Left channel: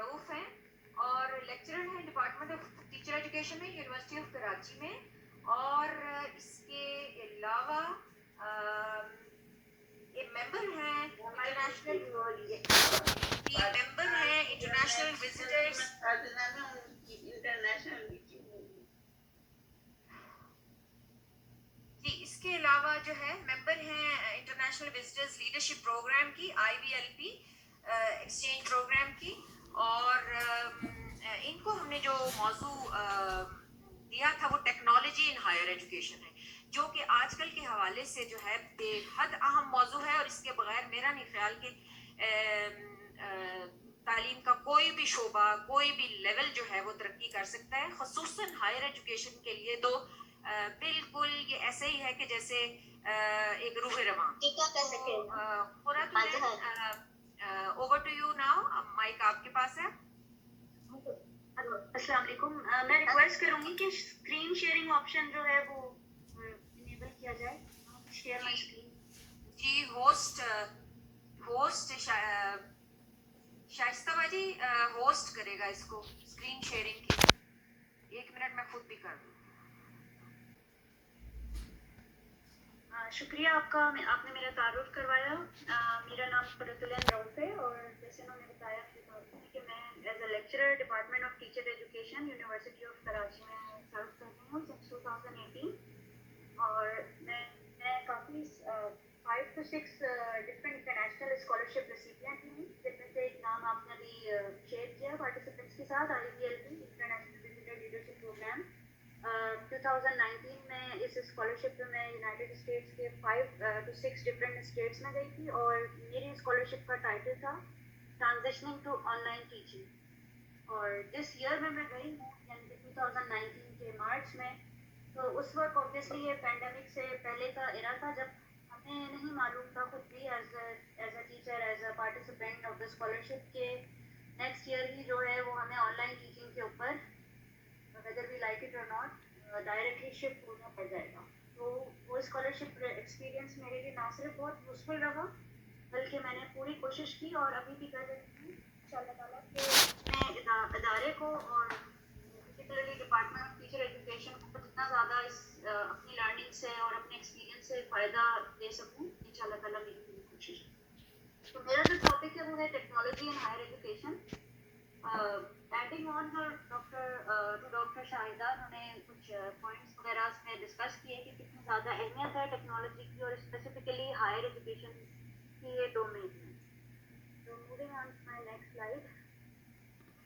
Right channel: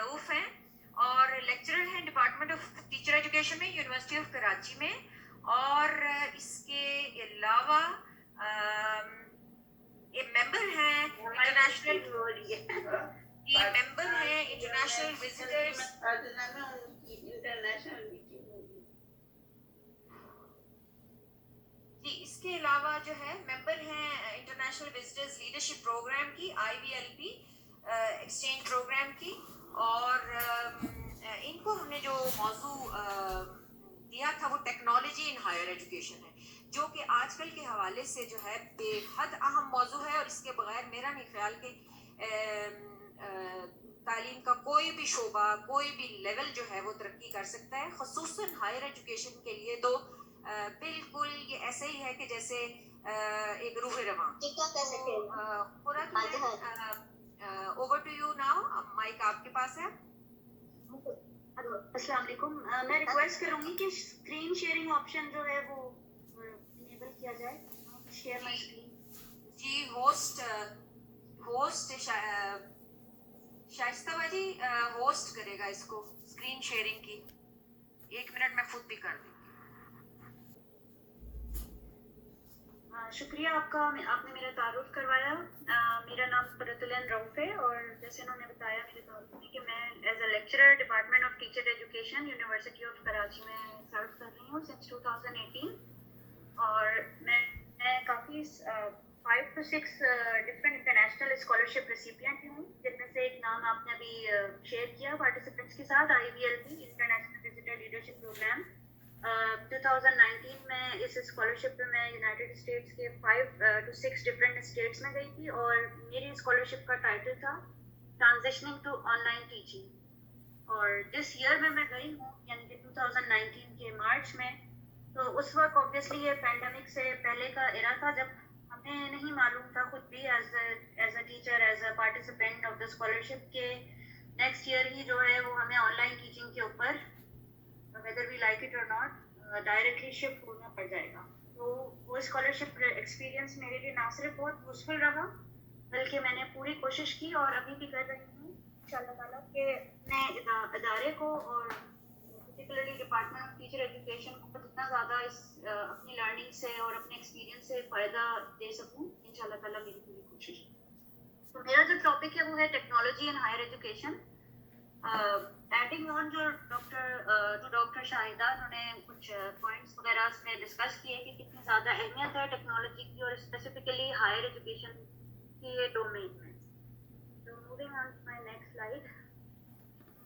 رؤوف ہیں اور لیکچرر ہیں ڈپارٹمنٹ آف ٹیچر ایجوکیشن میں یونیورسٹی آف کراچی میں، اور اس کے علاوہ یہ ممبر ہیں انٹرنیشنل وزٹرز جی، اس کے علاوہ جو ہے ممبر ہیں انٹرنیشنل وزٹرز لیڈرشپ پروگرام کی، IVLP ایکسچینج پروگرام کی، اور ان کو ہم نے جو موضوع دیا تھا وہ ٹیکنالوجی ان ہائر ایجوکیشن ہے، جو کہ آج کل کے حوالے سے جو ہے بے حد اہم موضوع ہے، اور اس کے بغیر میرا نہیں خیال کہ تعلیم کا کوئی بھی شعبہ، کوئی بھی لیول جو ہے وہ ترقی کر سکتا ہے، خصوصاً ہائر ایجوکیشن کے لیے تو بالکل یہ ایسے ہی ہے کہ جیسے ایک روح رواں۔ Over to you now, mike آپ کے پاس ہے۔ السلام علیکم، میں ریکویسٹ کروں گی کہ اسکرین شیئرنگ آپشن جو ہے وہ انیبل کیا جائے۔ Share my screen. جی، ہوسٹ شائستہ باجی ہوسٹ کرے گا اس کو، اسکرین شیئرنگ کی۔ 1 منٹ میں خود بھی کر دوں گی۔ شکریہ آپ کا، آپ نے میرا تعارف کروایا۔ میرا نام قرۃ العین رؤوف ہے، اور جیسے انہوں نے بتایا میرے تعارف میں کہ میں as a lecturer department of teacher education university of Karachi میں سرو کر رہی ہوں سنس 2018، اور میں کافی 5 to 6 different international scholarship recipient ہوں، جن میں سے ایک نام آپ نے ابھی شیئر کیا پارٹیسپینٹس کے ساتھ، IVLP international visitor leadership programme. 2019 میں اس اسکالرشپ پہ میں یونائٹیڈ اسٹیٹس کے 5 to 6 ڈفرینٹ اسٹیٹس میں گئی تھی، اور میری اسکالرشپ کا ٹائٹل تھا transitioning to on line teaching, اور جس ایئر میں گئی ہوں یعنی کہ 2019 کے مارچ میں، تو اس وقت اوبیسلی یہ پینڈیمک سے پہلے کا ایرا تھا، جب ہمیں نہیں معلوم تھا خود بھی as a teacher, as a participant of the scholarship, کہ نیکسٹ ایئر ہی جو ہے وہ ہمیں آن لائن ٹیچنگ کے اوپر whether we like it or not directly shift ہونا پڑ جائے گا۔ تو وہ اسکالرشپ ایکسپیرئنس میرے لیے نہ صرف بہت یوزفل رہا، بلکہ میں نے پوری کوشش کی اور ابھی بھی کر رہی ہوں ان شاء اللہ تعالیٰ کہ میں ادارے کو اور particularly department of teacher education کو جتنا زیادہ اس اپنی لرننگ سے اور اپنے ایکسپیرئنس سے فائدہ دے سکوں ان شاء اللہ تعالیٰ، میری پوری کوشش ہے۔ تو میرا جو ٹاپک ہے وہ ہے technology in higher education. Adding on جو ڈاکٹر شاہدہ، انہوں نے کچھ پوائنٹس وغیرہ اس میں ڈسکس کیے کہ کتنی زیادہ اہمیت ہے ٹیکنالوجی کی، اور اسپیسیفکلی ہائر ایجوکیشن کی ڈومین میں۔ تو moving on to my next slide,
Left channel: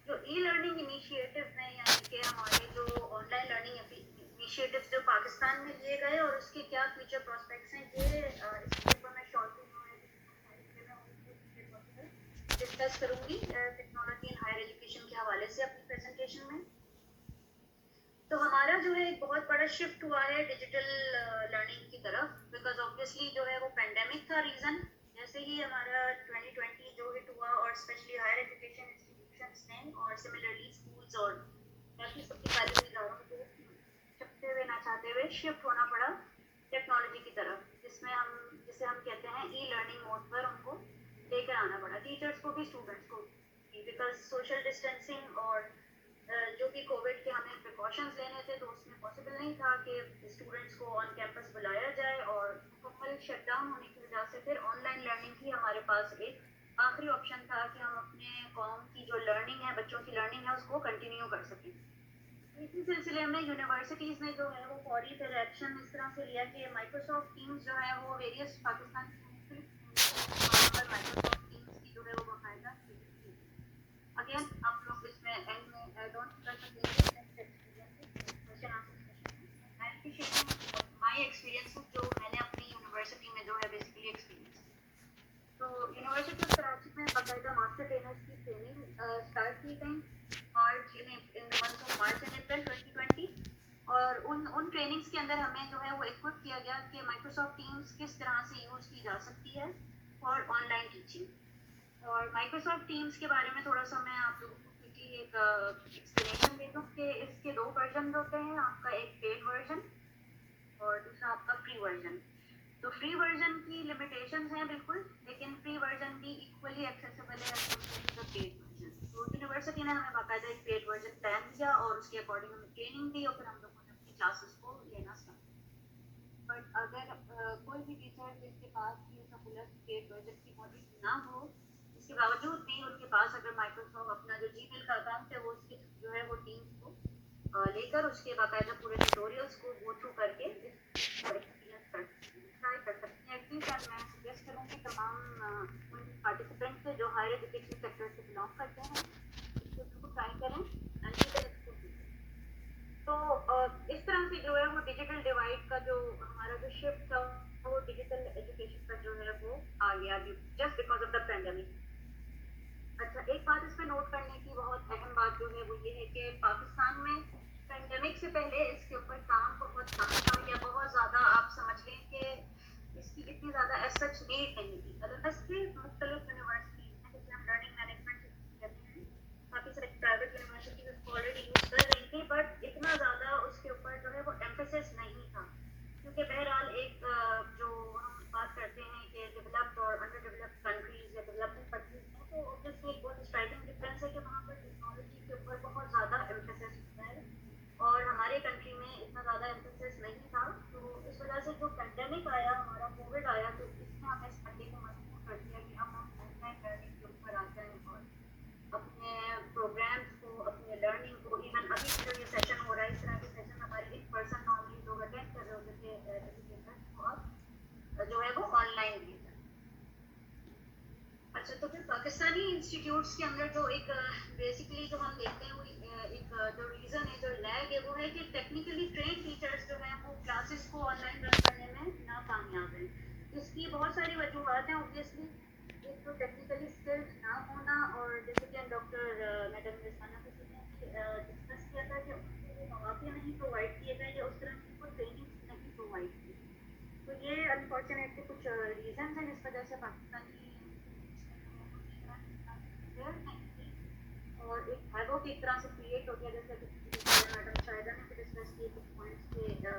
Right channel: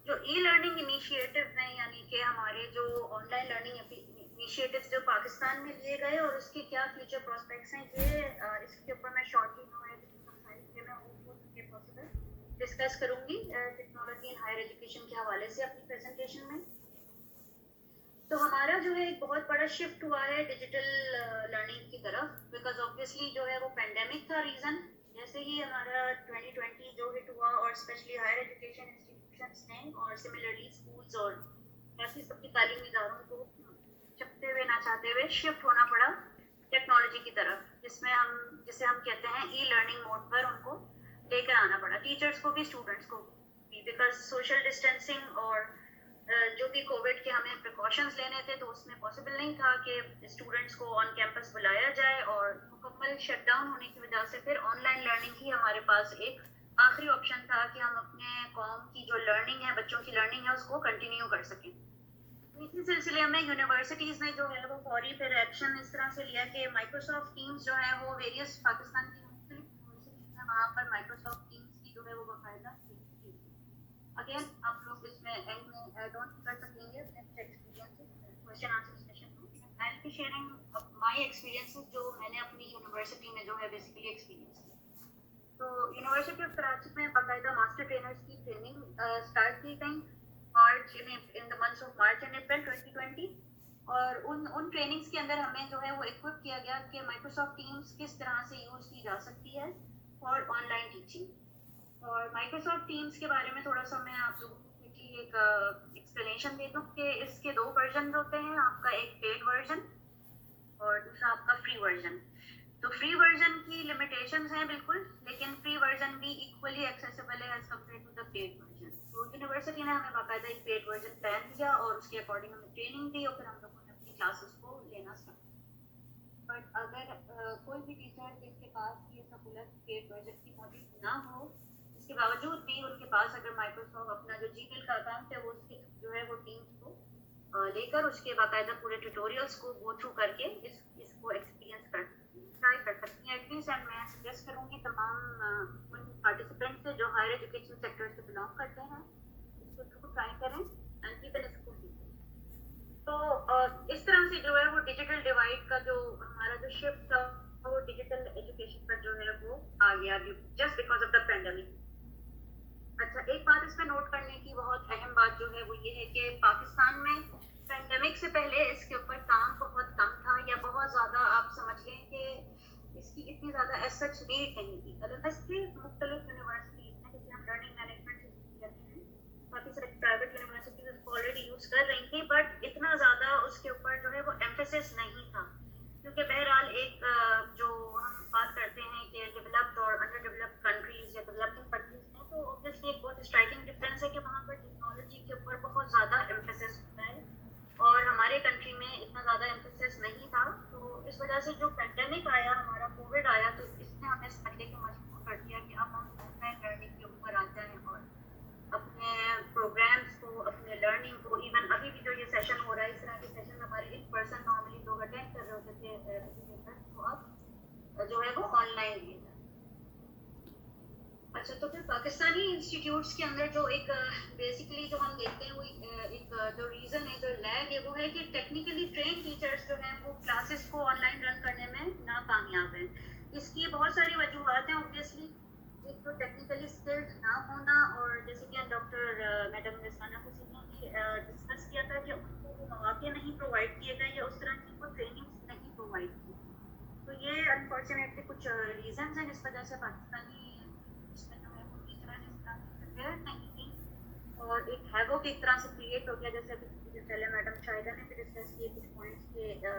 جو ای لرننگ انیشیٹو ہیں، یعنی کہ ہمارے جو آن لائن لرننگ انیشیٹوز جو پاکستان میں لیے گئے اور اس کے کیا فیوچر پراسپیکٹس ہیں، یہ اس کے اوپر میں شارٹلی ڈسکس کروں گی ٹیکنالوجی ان ہائر ایجوکیشن کے حوالے سے اپنی پریزنٹیشن میں۔ تو ہمارا جو ہے ایک بہت بڑا شفٹ ہوا ہے ڈیجیٹل لرننگ کی طرف، بیکاز آبویسلی جو ہے وہ پینڈیمک تھا ریزن، جیسے ہی ہمارا 2020 جو ہٹ ہوا، اور اسپیشلی ہائر ایجوکیشن انسٹیٹیوشنس نے اور سملرلی اسکولس اور باقی سب کی تعلیمی اداروں کو چپتے ہوئے نہ چاہتے ہوئے شفٹ ہونا پڑا ٹیکنالوجی کی طرف، جسے ہم کہتے ہیں ای لرننگ موڈ پر ان کو لے کر آنا پڑا، ٹیچرس کو بھی اسٹوڈنٹس کو بھی، بیکاز سوشل ڈسٹینسنگ اور جو بھی کووڈ کے ہمیں پریکاشنز لینے تھے تو اس میں پاسبل نہیں تھا کہ اسٹوڈنٹس کو آن کیمپس بلایا جائے، اور مکمل شٹ ڈاؤن ہونے کی وجہ سے پھر آن لائن لرننگ ہی ہمارے پاس ایک آخری آپشن تھا کہ ہم اپنے قوم کی جو لرننگ ہے، بچوں کی لرننگ ہے، اس کو کنٹینیو کر سکیں۔ اسی سلسلے میں یونیورسٹیز نے جو ہے وہ فوری پھر ایکشن اس طرح سے لیا کہ مائکروسافٹ ٹیمز جو ہے وہ ویریس پاکستان کی مختلف وہاں پر مائکروسافٹ ٹیمز کی جو ہے وہ باقاعدہ اگین آپ لوگ اس میں اینڈ میں ایڈ آن کر سکیں گے next experience question answer session میں۔ I will be sharing my experiences جو میں نے اپنی یونیورسٹی میں جو ہے بیسیکلی ایکسپیرینس کی۔ تو یونیورسٹی آف کراچی میں باقاعدہ ماسٹر ٹرینرز کی ٹریننگ اسٹارٹ کی گئی in the month of March and April 2020، اور ان ٹریننگس کے اندر ہمیں جو ہے وہ اکوپ کیا گیا کہ مائکروسافٹ ٹیمز کس طرح سے یوز کی جا سکتی ہے فار آن لائن ٹیچنگ۔ اور مائکروسافٹ ٹیمز کے بارے میں تھوڑا سا میں آپ لوگوں کو کوئکلی ایک ایکسپلینیشن دے دوں کہ اس کے 2 ورژن ہوتے ہیں، آپ کا ایک پیڈ ورژن اور دوسرا آپ کا فری ورژن۔ تو فری ورژن کی لمیٹیشنز ہیں بالکل، لیکن فری ورژن بھی ایکولی ایکسیسیبل ہے as compared to the paid version. تو یونیورسٹی نے ہمیں باقاعدہ ایک پیڈ ورژن پلان دیا اور اس کے اکارڈنگ ہمیں ٹریننگ دی اور پھر ہم لوگوں نے اپنی کلاسز کو لینا اسٹارٹ کیا. بٹ اگر کوئی بھی ٹیچر جس کے پاس یہ سہولت پیڈ ورژن کی موجود نہ ہو, اس کے باوجود بھی ان کے پاس اگر مائکروسافٹ اپنا جو جی میل کا اکاؤنٹ ہے وہ اس کے جو ہے وہ ٹیمس کو لے کر اس کے باقاعدہ پورے ٹیوٹوریلس کو گو تھرو کر کے اس کو ایکسپیرینس ٹرائی کر سکتی ہیں ایٹ لیسٹ. اینڈ میں سجیسٹ کروں گی تمام ان پارٹیسپینٹ سے جو ہائر ایجوکیشن سیکٹر سے بلانگ کرتے ہیں اس کو ضرور ٹرائی کریں اینڈ کیپ اس کو. تو اس طرح سے جو ہے وہ ڈیجیٹل ڈیوائڈ کا جو ہمارا جو شفٹ تھا وہ ڈیجیٹل ایجوکیشن پر جو ہے وہ آ گیا just because of the pandemic. اچھا, ایک بات اس پہ نوٹ کرنے کی بہت اہم بات جو ہے وہ یہ ہے کہ پاکستان میں پینڈیمک سے پہلے اس کے اوپر کام بہت کم تھا یا بہت زیادہ آپ سمجھ لیں کہ اس کی اتنی زیادہ ایز سچ نیڈ نہیں تھی. ادروائز کی مختلف یونیورسٹیز ہیں جیسے ہم لرننگ مینجمنٹ کہتے ہیں, کافی سارے پرائیویٹ یونیورسٹیز اس کو آلریڈی یوز کر رہی تھی, بٹ اتنا زیادہ اس کے اوپر جو ہے وہ ایمفیسس نہیں تھا. کیونکہ بہرحال ایک جو ہم بات کرتے ہیں کہ ڈیولپڈ اور انڈر ڈیولپڈ کنٹریز یا ڈیولپنگ کنٹریز میں, تو اوبویسلی ایک بہت اسٹرائکنگ ڈفرینس ہے کہ وہاں پر ٹیکنالوجی کے اوپر بہت زیادہ ایمفیسس ہوتا ہے اور ہمارے کنٹری میں اتنا زیادہ ایمفیسس نہیں تھا. تو اس وجہ سے جو پینڈیمک آیا, ہمارا کووڈ آیا, تو اس نے ہمیں سمجھنے کو مجبور کر دیا کہ اب ہم آن لائن لرننگ کے اوپر آ جائیں اور اپنے پروگرامس کو, اپنے لرننگ کو, ایون ابھی جو یہ سیشن ہو رہا ہے اس طرح کے سیشن ہمارے ان پرسن نارملی لوگ اٹینڈ کر رہے ہوتے تھے ایجوکیٹر, تو اب جو ہے وہ آن لائن لیے جائیں. اچھا, تو پھر پاکستانی انسٹیٹیوٹس کے اندر جو ایک بیسکلی جو ہم دیکھتے ہیں وہ ایک جو ریزن ہے, جو لیگ ہے, وہ ہے کہ ٹیکنیکلی ٹرین ٹیچرس جو ہیں وہ کلاسز کو آن لائن رن کرنے میں ناکامیاب ہیں. اس کی بہت ساری وجوہات ہیں اوبویسلی. ایک تو ٹیکنیکلی اسکلڈ نہ ہونا, اور جیسے کہ ڈاکٹر میڈم رضوانہ حسین نے بھی ڈسکس کیا تھا کہ ان کو وہ مواقع نہیں پرووائڈ کیے گئے یا اس طرح کی کوئی ٹریننگ نہیں پرووائڈ کی. تو یہ انفارچونیٹلی کچھ ریزنز ہیں جس وجہ سے پاکستانی اور ایک ہیوک ایک طرح سے کریٹ ہو گیا. جیسے میڈم شاہدہ نے بھی ڈسکس کیے کچھ پوائنٹس کہ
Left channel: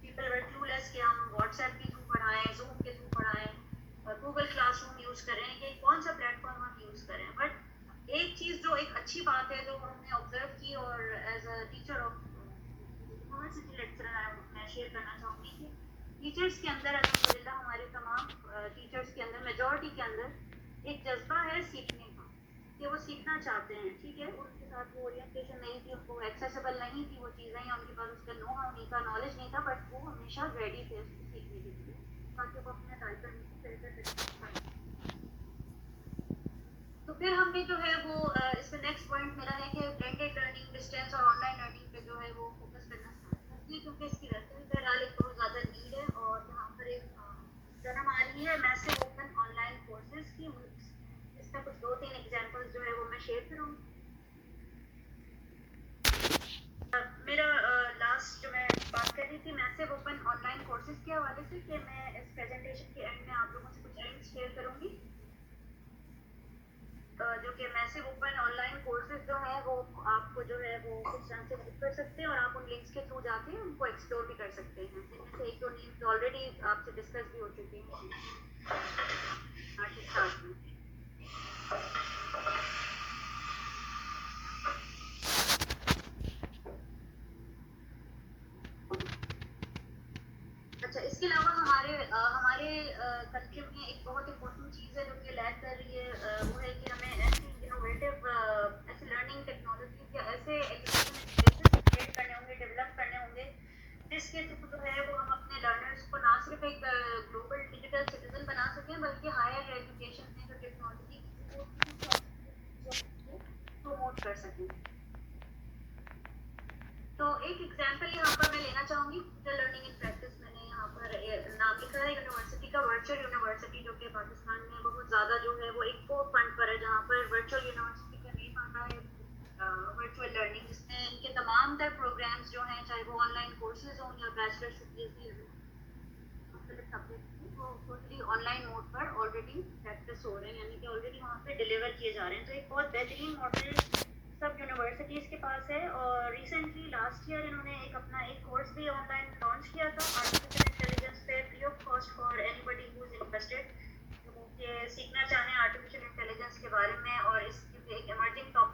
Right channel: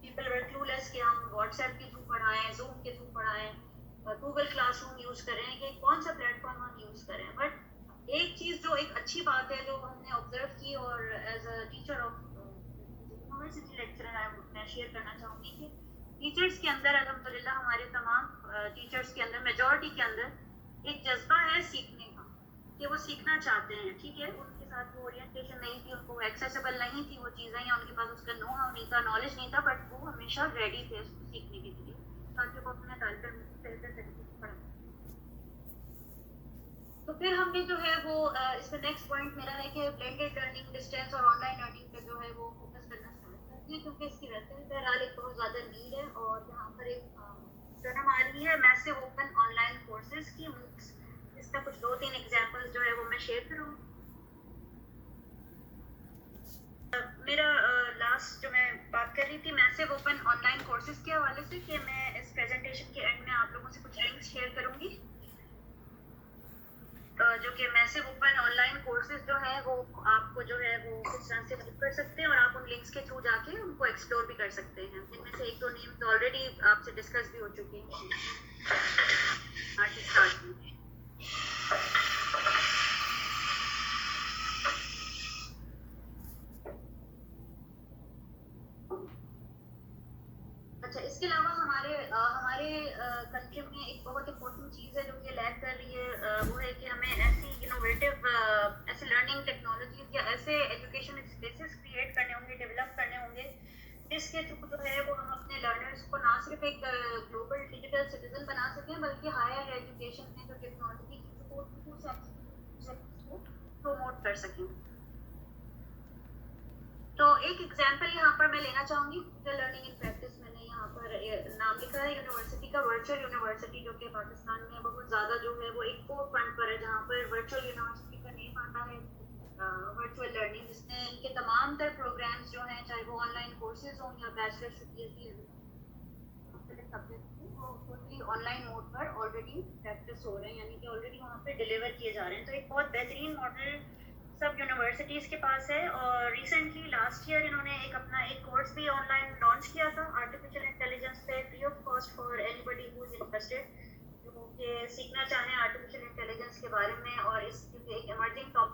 پیپل ور کلو لیس کہ ہم واٹس ایپ کے تھرو پڑھائیں, زوم کے تھرو پڑھائیں, گوگل کلاس روم یوز کریں, کہ کون سا پلیٹ فارم ہم یوز کریں. بٹ ایک چیز جو ایک اچھی بات ہے جو ہم نے آبزرو کی, اور as a teacher of university lecturer میں شیئر کرنا چاہوں گی کہ ٹیچرس کے اندر الحمدللہ ہمارے تمام ٹیچرس کے اندر میجورٹی کے اندر ایک جذبہ ہے سیکھنے کا, کہ وہ سیکھنا چاہتے ہیں. ٹھیک ہے, ان کے ساتھ وہ اورینٹیشن نہیں تھی, ان کو ایکسیسیبل نہیں تھی وہ چیزیں, یا ان کے پاس اس کا نو ہاؤ نہیں تھا, نالج نہیں تھا, بٹ وہ ہمیشہ ریڈی تھے اس کو سیکھنے کے لیے تاکہ وہ اپنے طالب علم کو بہتر پڑھائیں. تو پھر ہم نے جو ہے وہ اس میں نیکسٹ پوائنٹ میرا ہے کہ بلینڈیڈ لرننگ, ڈسٹینس اور آن لائن لرننگ پہ جو ہے وہ فوکس کرنا اسٹارٹ کر دیا, کیونکہ اس کی ویسے بھی بہرحال ایک بہت زیادہ نیڈ ہے. اور یہاں پر ایک جنم آ رہی ہے میسو اوپن آن لائن کورسز کی, اس کا کچھ 2-3 ایگزامپلس جو ہے وہ میں شیئر کروں. میرا لاسٹ جو میں بات کر رہی تھی میسو اوپن آن لائن کورسز کے حوالے سے, کہ میں اس پریزنٹیشن کے اینڈ میں آپ لوگوں سے کچھ لنکس شیئر کروں گی جو کہ میسو اوپن آن لائن کورسز جو ہے وہ آپ کو جو ہے وہ کس طرح سے ہیلپ کر سکتے ہیں, اور آپ ان لنکس کے تھرو جا کے ان کو ایکسپلور بھی کر سکتے ہیں, جن میں سے 1-2 نیمز آلریڈی آپ سے ڈسکس بھی ہو چکی ہیں. اچھا, اس کے علاوہ ہمارے کنٹری میں ایک بہت امپورٹنٹ چیز ہے جو کہ لیگ کر رہی ہے, وہ ہے کہ ہمیں ایسی انوویٹیو ایسے لرننگ ٹیکنالوجیز یا ایسے ایجوکیشن اسپیسز کریٹ کرنے ہوں گے, ڈیولپ کرنے ہوں گے, جس کے تھرو جو ہے وہ ہم اپنے لرنرس کو نہ صرف ایک گلوبل ڈیجیٹل سٹیزن بنا سکیں, بلکہ ہائر ایجوکیشن میں جو ٹیکنالوجی کو پروموٹ کر سکیں. تو ایک ایگزامپل یہاں پر میں لینا چاہوں گی, لرننگ ان پریکٹس. میں نے یہاں پر نام لکھا ہے یونیورسٹی کا, ورچوئل یونیورسٹی, جو کہ پاکستان میں بہت زیادہ جو ہے وہ ایک فور فرنٹ پر ہے, جہاں پر ورچوئل یونیورسٹی کا نیم آتا ہے ورچوئل لرننگ, جس میں ان کے تمام تر پروگرامس جو ہیں, چاہے وہ آن لائن کورسز ہوں یا بیچلرس پی ایچ ڈی مختلف سبجیکٹ کی, وہ ٹوٹلی آن لائن موڈ پر آلریڈی پریکٹس ہو رہے ہیں, یعنی کہ آلریڈی وہاں پہ ڈیلیور کیے جا رہے ہیں. تو ایک بہت بہترین ماڈل سب یونیورسٹیز کے پاس ہے, اور ریسنٹلی لاسٹ ایئر انہوں نے اپنا ایک کورس بھی آن لائن لانچ کیا تھا آرٹیفیشیل انٹیلیجنس پہ, free of cost for anybody who is interested, جو کہ سیکھنا چاہیں آرٹیفیشیل انٹیلیجنس کے بارے میں. اور اس ایک ایمرجنگ ٹاپک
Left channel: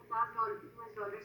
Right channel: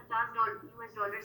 $50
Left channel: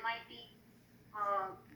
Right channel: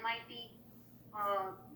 MIT,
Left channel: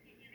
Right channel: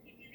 TTV,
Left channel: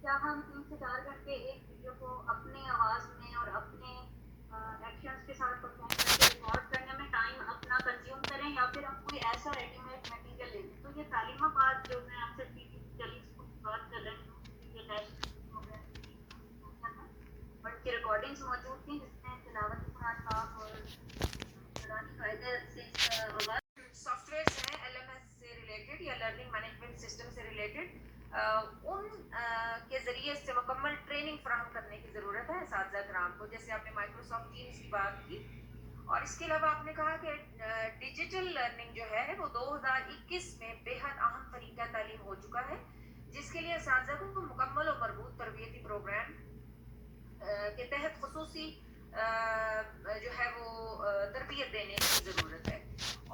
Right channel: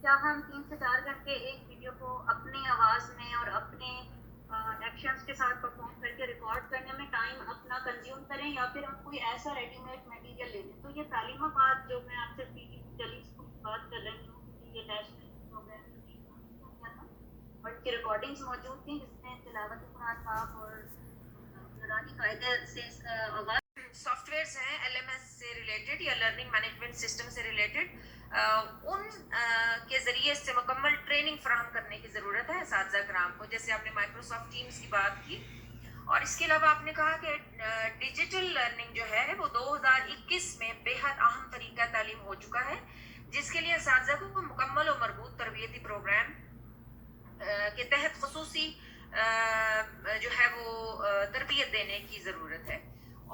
کیا ہم 3 سے 4 گھنٹے ایک ویڈیو کو اپنی آواز میں اور اپنے ایکشنز کے ساتھ پرفارم کر کے ریکارڈ کرنے میں ٹائم اپنا کنزیوم کریں, یا پھر ہم کوئی ایسا ریڈی میڈ مٹیریل لے لیں؟ تو یہ تعلیمات جو میں آپ سے پی ٹی ٹیلی اسکول کی بات کر رہی ہوں, یہ نیشنل پروگرام اور ان کی ریکارڈنگس موجود تھیں جس میں تلاوت قرآن پاک اور قرآنی قاعدے سے اس کا آغاز. سافٹ ویئرس ہیں LMS سے ریلیٹڈ یا لرننگ مینجمنٹ سسٹم سے ریلیٹڈ, ان کے ذریعے سے مکمل ٹریننگ فراہم کرنے کی ضرورت ہے اساتذہ کرام کو. جیسے آپ نے مائکروسافٹ ٹیمز کی بات کی, اور اس کے علاوہ آپ نے کہا کہ ڈیجیٹل لرننگ جو ہے وہ 2021 میں بے حد اہم طریقہ تعلیم ہو چکا ہے, جس کے لیے اساتذہ کو مکمل و مربوط تربیتی پروگرام کے تحت خصوصی جو ہے وہ تربیت دینے کی ضرورت ہے.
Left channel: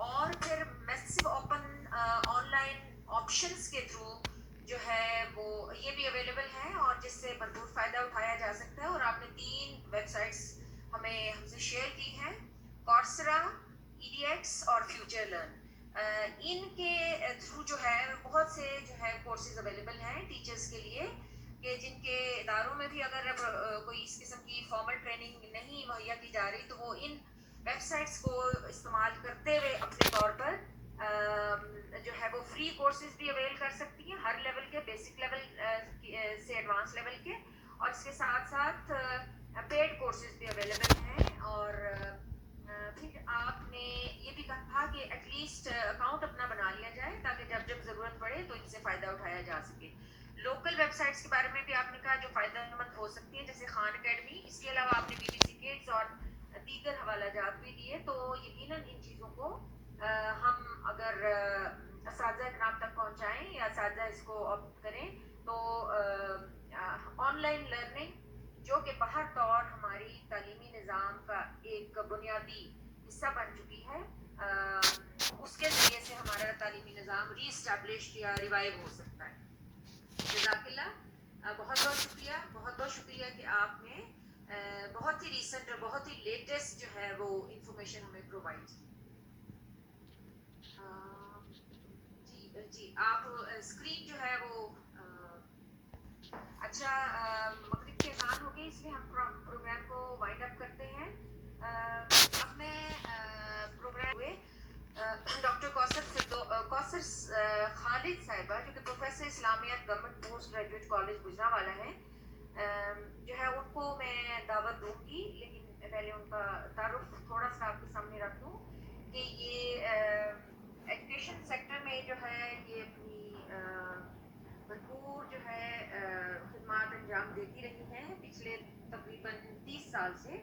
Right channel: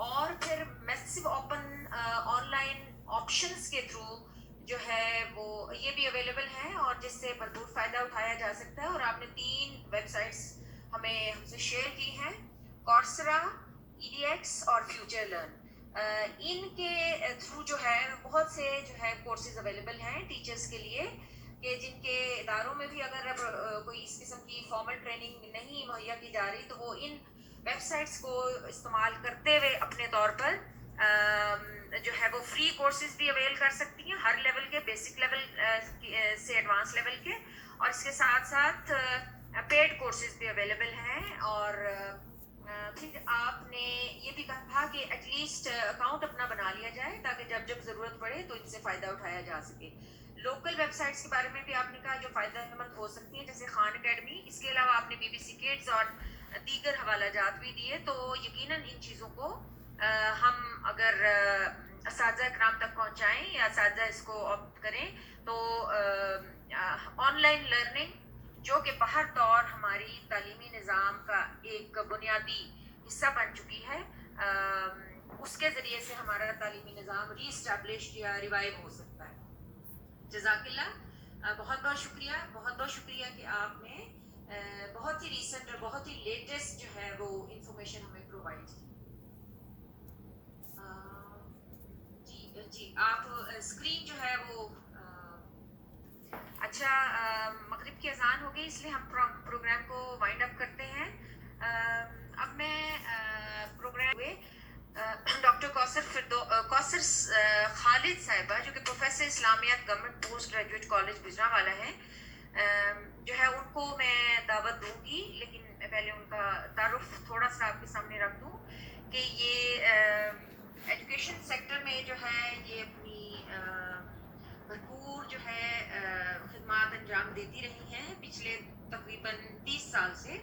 اور پھر میسو اوپن آن لائن آپشنس کے تھرو جو ہے وہ یہ بھی اویلیبل ہیں, اور جس سے بھرپور فائدہ اٹھایا جا سکتا ہے. اور آپ نے 3 ویب سائٹس ہم سے شیئر کی ہیں, کورسرا, EDX اور فیوچر لرن. ان کے تھرو جو ہے بہت سے جو ہے کورسز اویلیبل ہیں ٹیچرز کے لیے, کہ جن کے اداروں میں بھی اگر کوئی اس قسم کی فارمل ٹریننگ نہیں مہیا کی جا رہی تو وہ ان ویب سائٹس کو استعمال کرتے ہوئے اپنے طور پر جو ہے وہ فری کورسز بھی اویل کر سکتی ہیں, ہر لیول کے, بیسک لیول سے ایڈوانس لیول کے, اور اس کے ساتھ ساتھ پیڈ کورسز بھی اویلیبل ہیں. اور پھر آپ نے یہ بھی کہا کہ ایٹ لیسٹ اکاؤنٹ اپنا بنا لیا جائے تاکہ جب جب ضرورت پڑے تو ان سے فائدہ اٹھایا جا سکے. لوکل ویب سائٹس کے بارے میں بھی آپ نے کہا جو فائدہ مند ہو سکتی ہیں, جیسے خان اکیڈمی. اس کے علاوہ آپ نے BBC کڈز اور دیگر حوالہ جات بھی دیے. تو یقیناً ان چیزوں کو ہم اگر اساتذہ اکرام تک پہنچائیں یا اساتذہ اس کو آپٹ کریں تو آن لائن لرننگ جو کہ بہر طور ہماری تعلیمی نظام کا ایک بنیادی حصہ بن چکی ہے, اس کے ذریعے سے ہمارا تعلیمی نظام ری اسٹیبلش یا ریوائیو ہو سکتا ہے. جزاک اللہ, بہت بہت شکریہ, بہت بہت شکریہ کہ آپ نے بہت ہی ریسنٹ اور بہت ہی لیٹسٹ جو ہے وہ انفارمیشن ہمیں پرووائڈ کی. جی آپ اسکرین جو ہے وہ اچھا, مغرب کی اذان ہو گئی اس لیے ہم پروگرام کو وائنڈ اپ کرتے ہیں. اب میں پروگرام ہوئے ڈاکٹر کوثر خالد صاحبہ جو کہ پروفیسر اسلامیات government post graduate college Gujranwala ہیں, جو ہے ان کو میں دعوت دوں گی, لیکن میں پہلے ان کا تعارف تھوڑا سا آپ کے سامنے رکھ دوں کہ یہ ایجوکیشن سیکٹر میں جو ہے یہ اپنی بھرپور جو ہے خدمات انجام دیتی رہی ہیں پچھلے تقریباً 30 سال سے,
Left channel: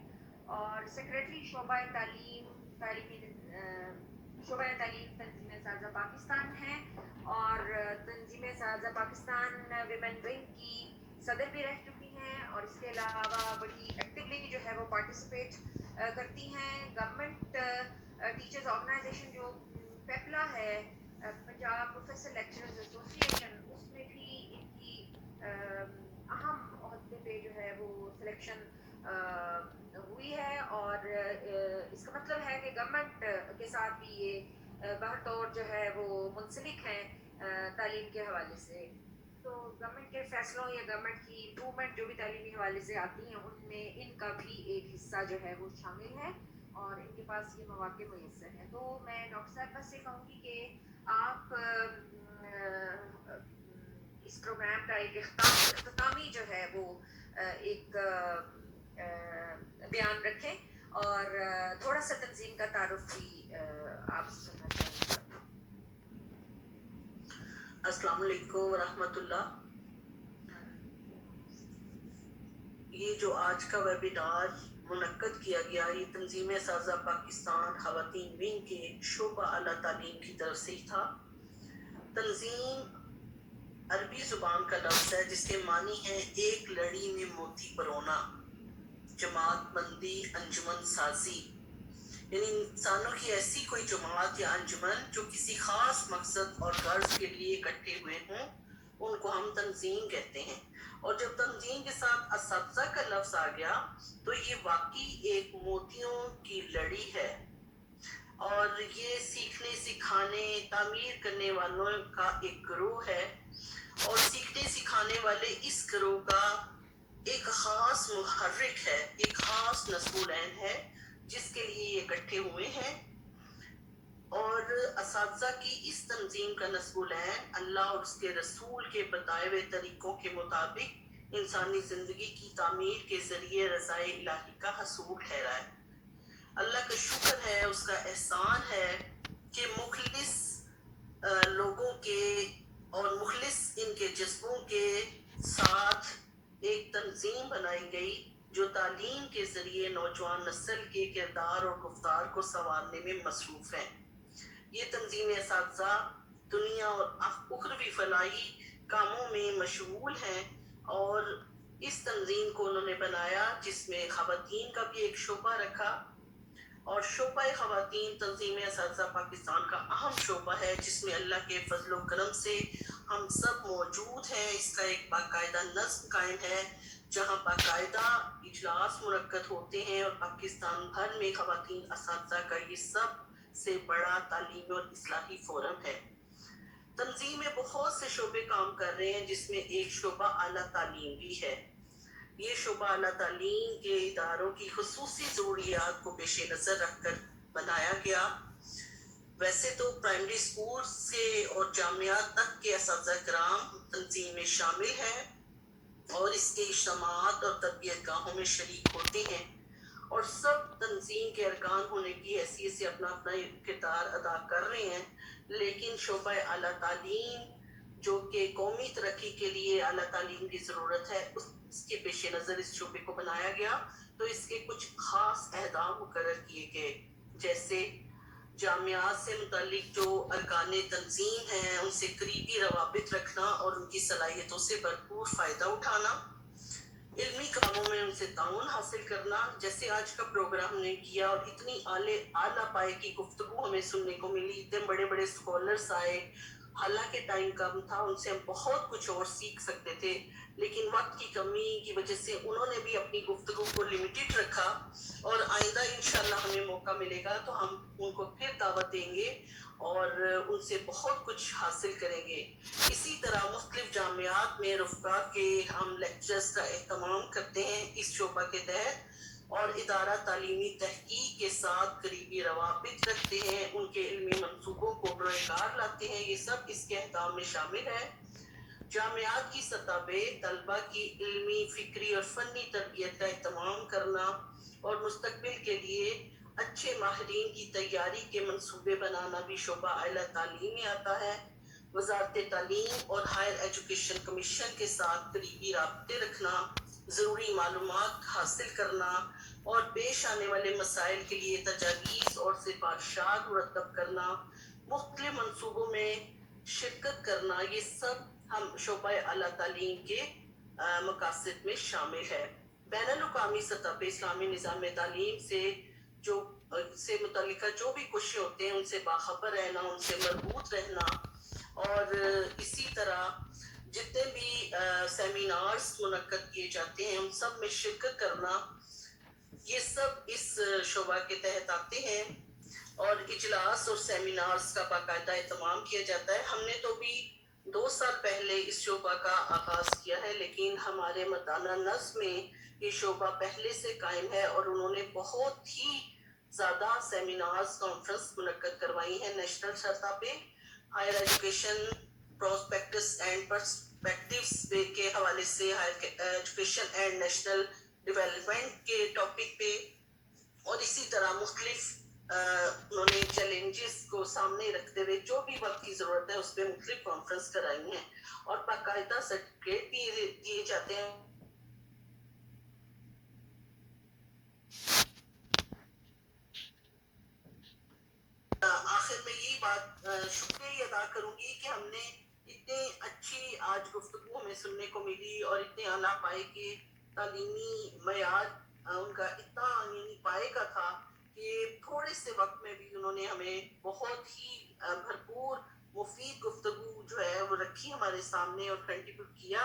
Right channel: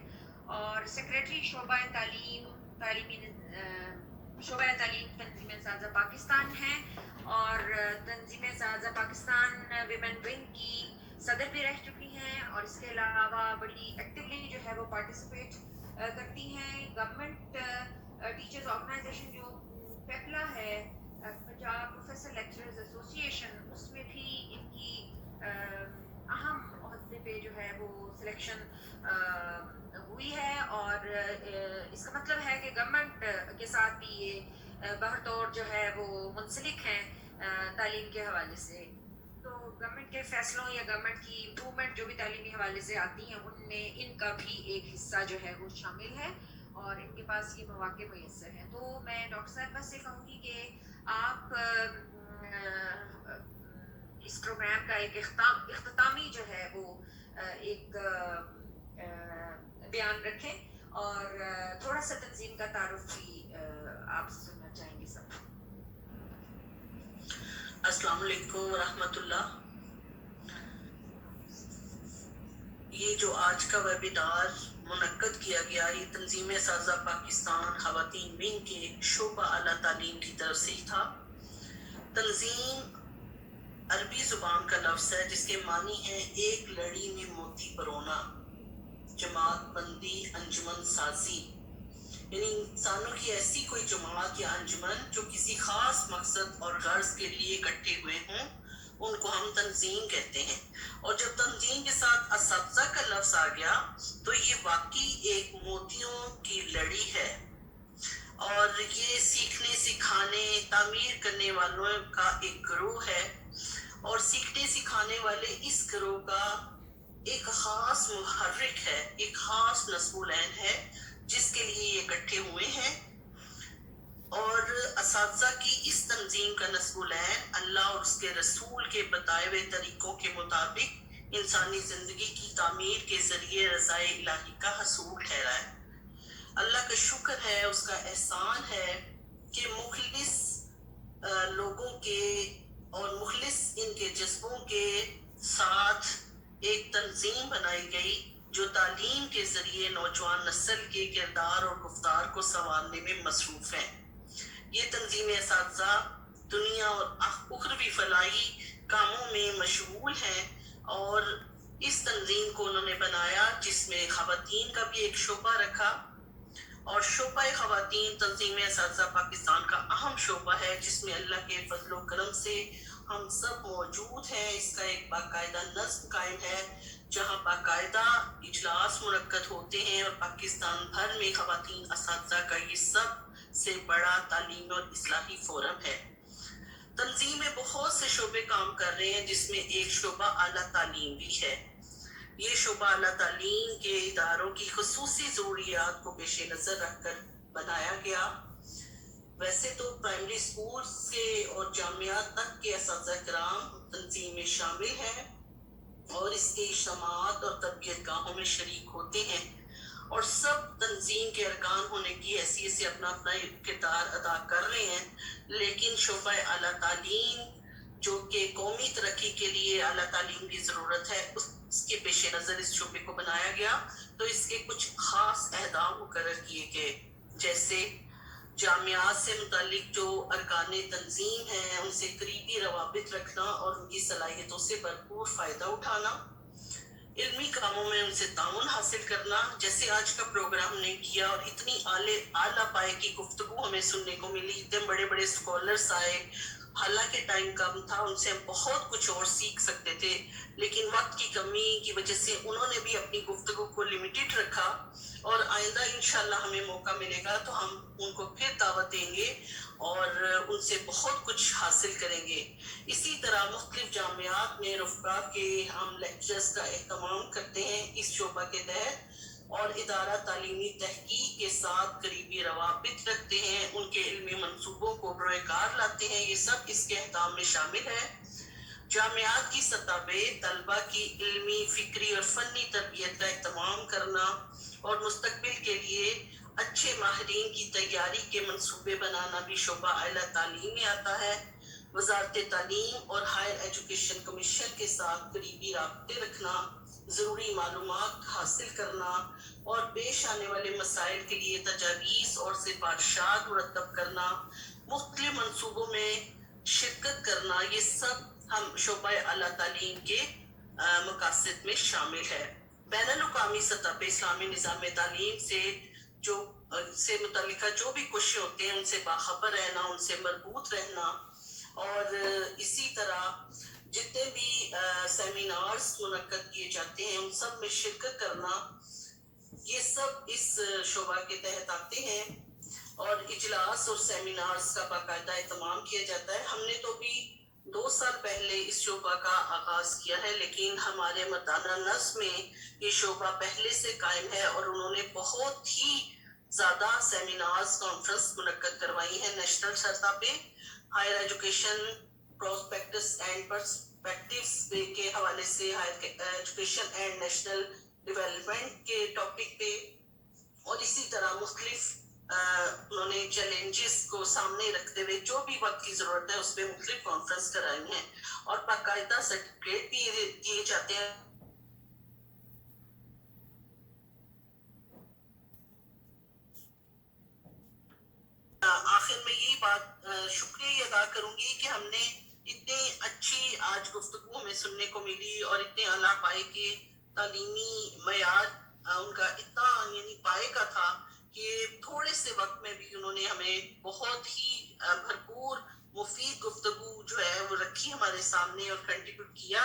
اور سیکریٹری شعبہ تعلیم تنظیم اساتذہ پاکستان ہیں, اور تنظیم اساتذہ پاکستان ویمن ونگ کی صدر بھی رہ چکی ہیں, اور اس کے علاوہ بڑی ایکٹیولی جو ہے وہ پارٹیسپیٹ کرتی ہیں. گورنمنٹ ٹیچرز آرگنائزیشن جو پیپلا ہے, پنجاب پروفیسر لیکچررز ایسوسی ایشن, اس میں بھی ان کی اہم عہدے پہ جو ہے وہ سلیکشن ہوئی ہے, اور اس کا مطلب ہے کہ گورنمنٹ کے ساتھ بھی یہ بہر طور جو ہے وہ منسلک ہیں تعلیم کے حوالے سے. تو گورنمنٹ کے فیصلوں یا گورنمنٹ کی امپرومنٹ جو بھی تعلیمی حوالے سے آتی ہیں ان میں ان کا بھی ایک حصہ جو ہے وہ شامل ہے, اور ان کے پاس یہ مواقع میسر ہیں. تو میں ڈاکٹر صاحبہ سے کہوں گی کہ آپ اس پروگرام کا ایک اختتامی جو ہے وہ ایک بیان رکھیں, اور تھوڑا سا تنظیم کا تعارف بھی آپ سے سننا چاہیں گے. السلام علیکم ورحمۃ اللہ. یہ جو آج کا ویبینار منعقد کیا گیا یہ تنظیم اساتذہ پاکستان خواتین ونگ کے شعبہ اعلیٰ تعلیم کی طرف سے تھا. تنظیم عربی زبان کا لفظ ہے جس کے معنی ہے ایک لڑی میں موتی پرونا, جماعت بندی, انجمن سازی, یعنی انسانوں کی ایسی کوئی جماعت یا انجمن جو کسی خاص مقصد اور غرض کے لیے اکٹھے ہوئے ہوں, ان کو ہم تنظیم کہتے ہیں. اور جب تنظیم کے ساتھ اساتذہ کا لفظ آ گیا تو یہ واقعی ایک موتیوں کی لڑی ہے, اور یہ سیکھنے, سکھانے, تعمیر کرنے والوں کا ایک گروہ ہے, اور سیکھنے سکھانے والے اس گروہ کا ایک خاص محرک ہے، ایک خاص نصبولین ہے جس کے لیے یہ اکٹھے ہوئے ہیں. اور اساتذہ کی اس تنظیم کا نصبولین اللہ اور اس کے رسول کے بتائے ہوئے طریقوں کے مطابق انسانی زندگی کی تعمیر کے ذریعے رضائے الہی کا حصول ٹھہرا ہے. اللہ کا شکر ہے، اس کا احسان ہے کہ مخلص لوگوں کے اور مخلص ان کے جذبوں کے ساتھ ایک تنظیم بنائی گئی جو تعلیم کے ذریعے نوجوان نسل کے کردار اور گفتار کو سنوارنے میں مصروف ہیں. یہ تنظیم اساتذہ دنیا اور اخروی فلاحی کاموں میں مشغول ہیں اور اس تنظیم کو انہوں نے بنایا جس میں خواتین کا بھی ایک شعبہ رکھا. اور شعبہ خواتین تنظیم اساتذہ پاکستان کا اہم شعبہ ہے جس میں اللہ کے فضل و کرم سے ہم سب موجود ہیں. اس کا ایک باقاعدہ نظم قائم ہے جہاں باقاعدہ اجلاس منعقد ہوتے ہیں اور پاکستان بھر میں خواتین اساتذہ کا یہ سب سے بڑا تعلیمی اور اصلاحی فورم ہے. تنظیم میں بہت سے شعبے کام کر رہے ہیں جس میں ایک شعبہ اعلیٰ تعلیم بھی ہے. یہ شعبہ اعلیٰ تعلیم کے اداروں کی خصوصی ضروریات کو پیش نظر رکھ کر بنایا گیا. ویسے تو پرائمری اسکول سے اور جامعات تک کے اساتذہ کرام تنظیم میں شامل ہیں اور اس کے اجتماعات اور تربیت گاہوں میں شریک ہوتے ہیں اور سب تنظیم کے ارکان ہونے کی حیثیت سے اپنا اپنا کردار ادا کر رہے ہیں. لیکن شعبہ اعلیٰ تعلیم جو کہ قومی ترقی کے لیے اعلیٰ تعلیم کی ضرورت ہے اس کے پیش نظر اس شعبے کو بنایا گیا. تو اس کے کچھ خاص اہداف مقرر کیے گئے، جیسے جامعات سے متعلق جو ارکان تنظیم ہیں ان سے قریبی روابط رکھنا اور ان کی صلاحیتوں سے بھرپور فائدہ اٹھانا، علمی کاموں میں ان سے تعاون حاصل کرنا جیسے آج کا پروگرام نے کیا. اور اتنی اعلیٰ پائے کی گفتگو ہمیں سننے کو ملی، اتنے بڑے بڑے اسکالرس آئے. حالانکہ ٹائم کم تھا، ان سے ہم بہت کچھ اور سیکھ سکتے تھے لیکن وقت کی کمی کی وجہ سے انہوں نے بھی اپنی گفتگو کو لمیٹڈ رکھا. اور آئندہ انشاءاللہ ہمیں موقع ملے گا تو ہم ان کو پھر دعوت دیں گے اور ان سے بہت کچھ حاصل کریں گے. اسی طرح مختلف جامعات میں رفقا کے ہم لیکچرز کا اہتمام کرتے ہیں اس شعبہ کے تحت اور ادارہ تعلیمی تحقیق کے ساتھ قریبی روابط رکھتے ہیں، ان کے علمی منصوبوں کو بروئے کار لاتے ہیں. یہ سب اس کے اہداف میں شامل ہے. جامعات کی سطح پہ طلبہ کی علمی، فکری اور فنی تربیت کا اہتمام کرنا اور مستقبل کے لیے اچھے ماہرین کی تیاری کے منصوبے بنانا بھی شعبہ اعلیٰ تعلیم میں آتا ہے. وزارت تعلیم اور ہائر ایجوکیشن کمیشن کے ساتھ قریبی رابطے رکھنا، ضروری معلومات حاصل کرنا اور پیش آنے والے مسائل کے لیے تجاویز اور سفارشات مرتب کرنا، مختلف منصوبوں میں شرکت کرنا، یہ سب ہم شعبہ اعلیٰ تعلیم کے مقاصد میں شامل ہے. بین الاقوامی سطح پہ اسلامی نظام تعلیم سے متعلقہ جو بھی کوششیں ہوتے ہیں ان سے باخبر رہنا، ان سے مربوط رہنا اور اسی طرح جتنے بھی سیمینارز منعقد کیے جاتے ہیں ان سب میں شرکت کرنا، یہ سب اس شعبہ کے تحت آتے ہیں. اور اجلاس اور سیمینارز کا باقاعدہ اہتمام کیا جاتا ہے. ہم نے تو بھی 2 سال پہلے اس شعبہ کا آغاز کیا ہے لیکن ہمارے مردانہ نظم میں یہ شعبہ پہلے سے قائم ہے اور انہوں نے بہت ہی زیادہ سیمینارز کانفرنس منعقد کروائی ہیں نیشنل سطح پہ. Higher education prospects and perspectives کے حوالے سے higher education and national development کے ٹاپک پہ اور اسی طرح مختلف انہوں نے چیلنجز کو سامنے رکھتے ہوئے جو بھی وقت کی ضرورت ہے اس پہ مختلف کانفرنس کرائی ہیں اور باقاعدہ سرٹیفکیٹ بھی دیے جاتے ہیں. آخر میں یہی بات شکریہ ادا کروں گی کہ ہم نے اتنی اچھی آج گفتگو ہمیں سننے کو ملی اور اتنے اعلیٰ پائے کے تعلیمی معیار ان کا اتنا یعنی پائے کا تھا کہ تھوڑے سے وقت میں بھی انہوں نے ہمیں بہت ہی بھرپور مفید گفتگو جو ہے وہ رکھی ہمارے سامنے اور کنٹریبیوٹ کیا.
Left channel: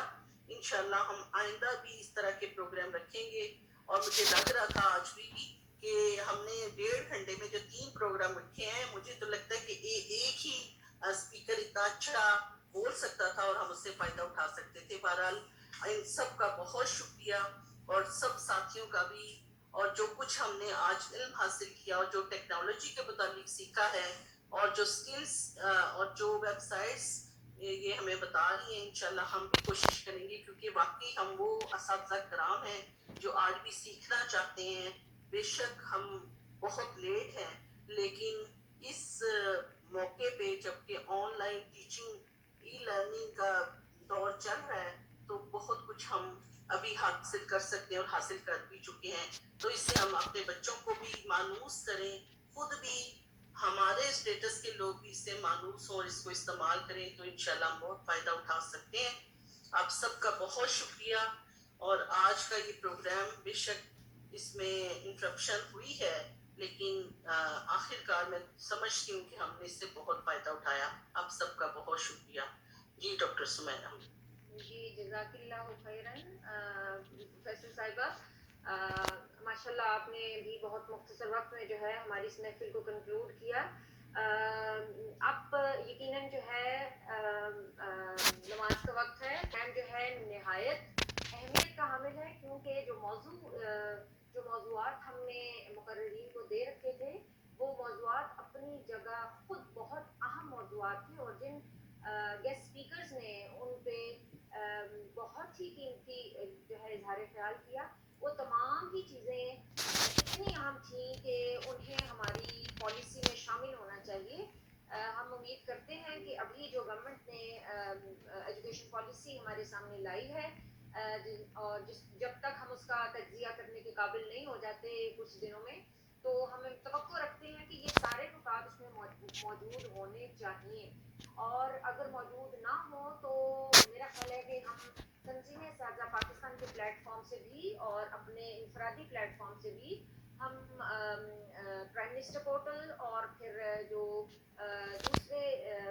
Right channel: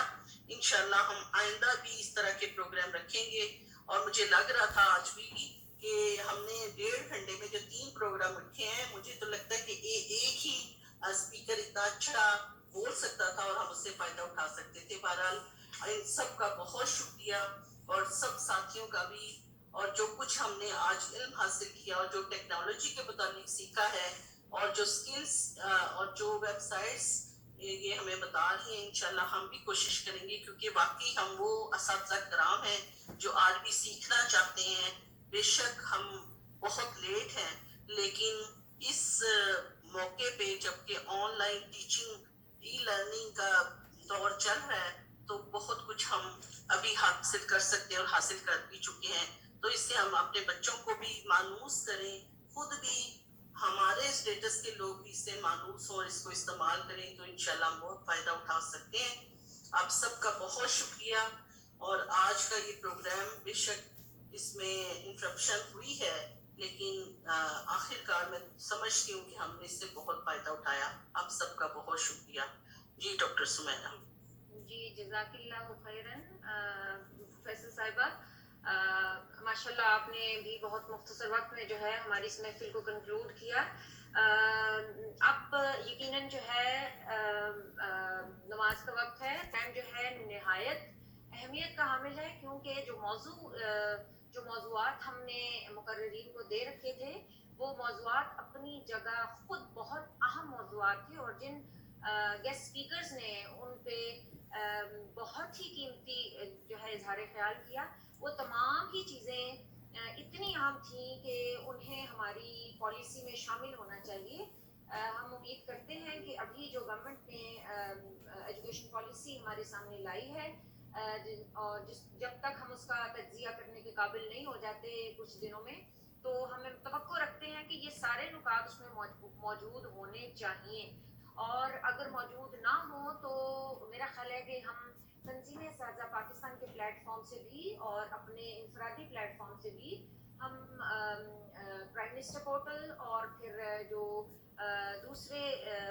انشاءاللہ ہم آئندہ بھی اس طرح کے پروگرام رکھیں گے اور مجھے لگ رہا تھا آج بھی کہ ہم نے 1.5 گھنٹے میں جو 3 پروگرام رکھے ہیں مجھے تو لگتا ہے کہ ایک ہی اسپیکر اتنا اچھا بول سکتا تھا اور ہم اس سے فائدہ اٹھا سکتے تھے. بہرحال ان سب کا بہت شکریہ, اور سب ساتھیوں کا بھی, اور جو کچھ ہم نے آج علم حاصل کیا اور جو ٹیکنالوجی کے متعلق سیکھا ہے, اور جو سکلز اور جو ویب سائٹس یہ ہمیں بتا رہی ہیں, انشاءاللہ ہم بھی کوشش کریں گے, کیونکہ واقعی ہم وہ اساتذہ کرام ہیں جو آج بھی سیکھنا چاہتے ہیں. بے شک ہم بہت لیٹ ہیں, لیکن اس موقع پہ جبکہ on line teaching e learning کا دور چل رہا ہے, تو بہت کچھ ہم ابھی حاصل کر سکتے ہیں اور حاصل کر بھی چکے ہیں. تو اس سے ہم اپنے بچوں کو بھی مانوس کریں, خود بھی ہمارے اسٹیٹس کے لوگ بھی اس سے مانوس ہوں اور اس کو استعمال کریں, تو انشاءاللہ ہم بہت فائدہ اٹھا سکتے ہیں. آپ سب کا بہت شکریہ. اور آج کا یہ پروگرام بے شک اس میں انٹرپشن ہوئی ہے, لیکن آخر کار میں سمجھتی ہوں کہ ہم نے اس سے بہت فائدہ اٹھایا. آپ سب کا بہت شکریہ. جی ڈاکٹر سمیرہ. جی جزاک اللہ خیراً پروفیسر صاحبہ. ماشاءاللہ آپ نے بھی بہت مختصر وقت میں جو ہے ہماری اس محفل کو کنکلوڈ کیا. اب یقیناً جو ہے نماز کا وقت ہے. ٹائم جو ہے نہایت اہمیت کا حامل ہے, کیونکہ جو موضوعات ہم نے مقررین کو دے رکھے تھے وہ موضوعات اپنی جگہ خود بہت اہم موضوعات تھے, اور جن گیسٹ اسپیکرز نے ان پہ بہت ہی قیمتی جو ہے اظہار خیال کیا, وہ تمام ہی چیزیں اتنی اہم تھیں کہ انہیں ہماری پالیسی میں شامل ہونا چاہیے. ہم امید کرتے ہیں کہ ابھی جو گورنمنٹ نے ایجوکیشن پالیسی ہمارے سامنے لائی ہے, اور جب تک ہم اس کا تجزیہ کرنے کے قابل نہیں ہو جاتے کچھ دنوں میں, تو ہم توقع رکھتے ہیں کہ یہ سارے نکات اس میں موجود ہونے چاہیے. اور اگر موجود نہ ہوں تو میرا خیال ہے کہ ہم تنظیم اساتذہ پاکستان کے پلیٹ فارم سے بھی اور اپنے انفرادی پلیٹ فارم سے بھی ہم پرائم منسٹر پورٹل اور پھر جو دوسرے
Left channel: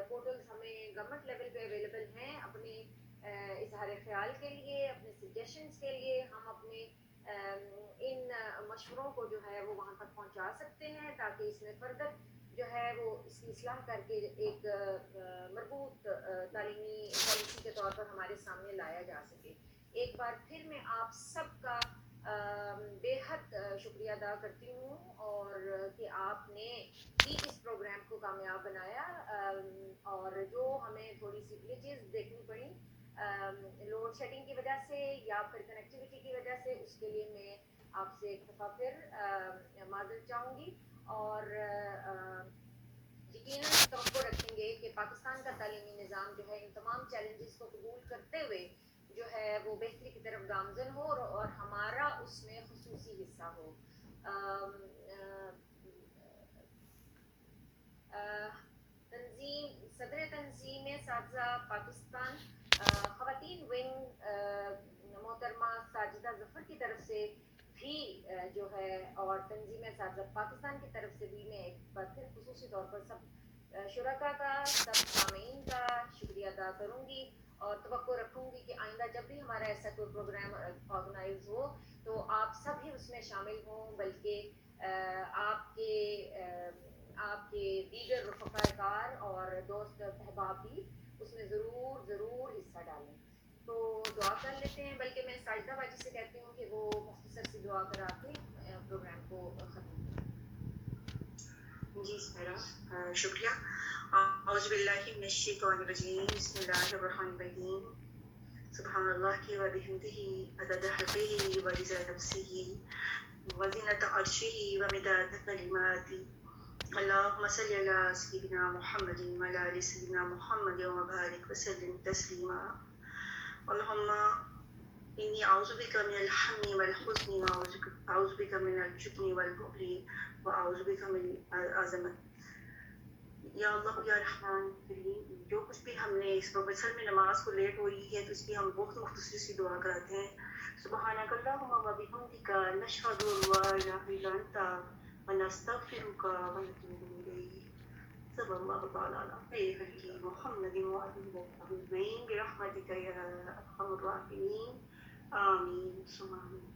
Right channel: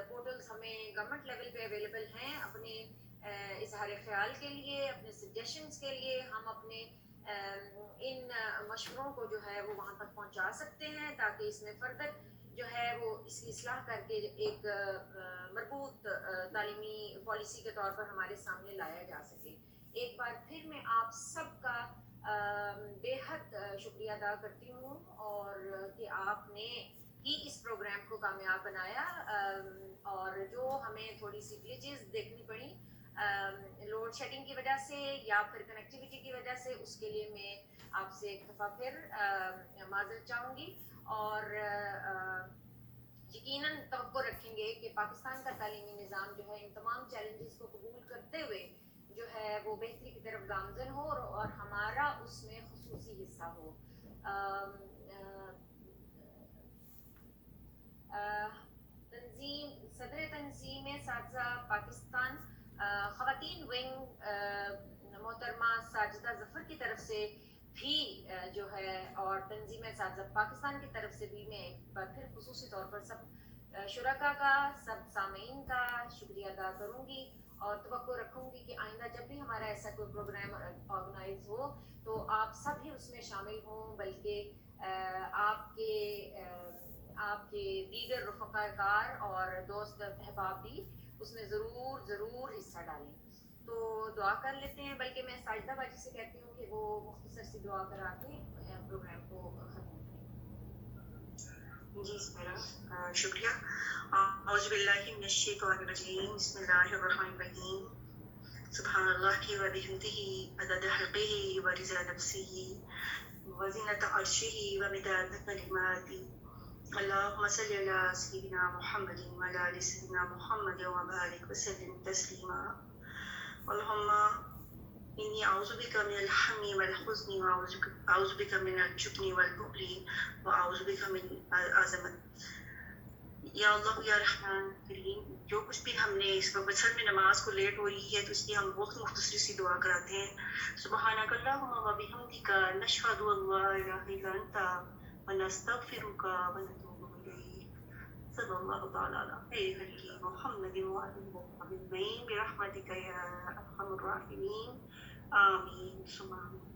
پورٹلز ہمیں گورنمنٹ لیول پہ اویلیبل ہیں اپنے اظہار خیال کے لیے, اپنے سجیشنز کے لیے, ہم اپنے ان مشوروں کو جو ہے وہ وہاں تک پہنچا سکتے ہیں, تاکہ اس میں فردر جو ہے وہ اس کی اصلاح کر کے ایک مربوط تعلیمی پالیسی کے طور پر ہمارے سامنے لایا جا سکے. ایک بار پھر میں آپ سب کا بے حد شکریہ ادا کرتی ہوں, اور کہ آپ نے بھی اس پروگرام کو کامیاب بنایا. اور جو ہمیں تھوڑی سی گلیچز دیکھنی پڑی لوڈ شیڈنگ کی وجہ سے یا پھر کنیکٹیوٹی کی وجہ سے, اس کے لیے میں آپ سے ایک دفعہ پھر معذرت چاہوں گی. اور یقیناً توقع رکھیں گے کہ پاکستان کا تعلیمی نظام جو ہے ان تمام چیلنجز کو قبول کرتے ہوئے جو ہے وہ بہتری کی طرف گامزن ہو, اور ہمارا اس میں خصوصی حصہ ہو. صدر تنظیم اساتذہ پاکستان خواتین ونگ محترمہ ساجدہ ظفر کی طرف سے بھی جو ہے, اور تنظیم اساتذہ پاکستان کی طرف سے بھی میں ایک بار پھر خصوصی طور پر سب شرکاء کا, سب سامعین کا شکریہ ادا کروں گی, اور توقع رکھوں گی کہ آئندہ جب بھی ہمارا ایسا کوئی پروگرام آرگنائز ہو تو آپ سب ہی اس میں شامل ہوں, بلکہ آپ کے دیگر رفقاء کار اور دوست احباب بھی اس میں ضرور حصہ ڈالیں. تو دعا کر لیتے ہیں, بلکہ میں ساجدہ باجی سے کہتی ہوں کہ وہ مختصر سی دعا کرا کے پروگرام کو ختم کریں. جی شکریہ. اعوذ باللہ من الشیطان الرجیم. بسم اللہ الرحمن الرحیم. سبحان اللہ و بحمدہ عدد خلقہ و رضا نفسہ و زینت عرشہ و مداد کلماتہ. اللهم صل على سيدنا محمد وعلى آل سيدنا محمد وبارك وسلم تسليما. اللهم إني أعوذ بك من الهم والحزن وأعوذ بك من الجبن والبخل وأعوذ بك من العظمة. یا اللہ یا رحمان کریم, جو کچھ بھی ہم نے اس وقت اصل میں نماز کو لیٹ ہو رہی ہے تو اس کی ہم بہت مختصر سی دعا کراتے ہیں. سبحانک اللہم و بحمدک نشہد ان لا الہ الا انت ونستغفرک ونتوب الیک. صلی اللہ تعالی علی خیر محمد وعلی آلہ اجمعین برحمتک یا ارحم الراحمین. آمین ثم آمین.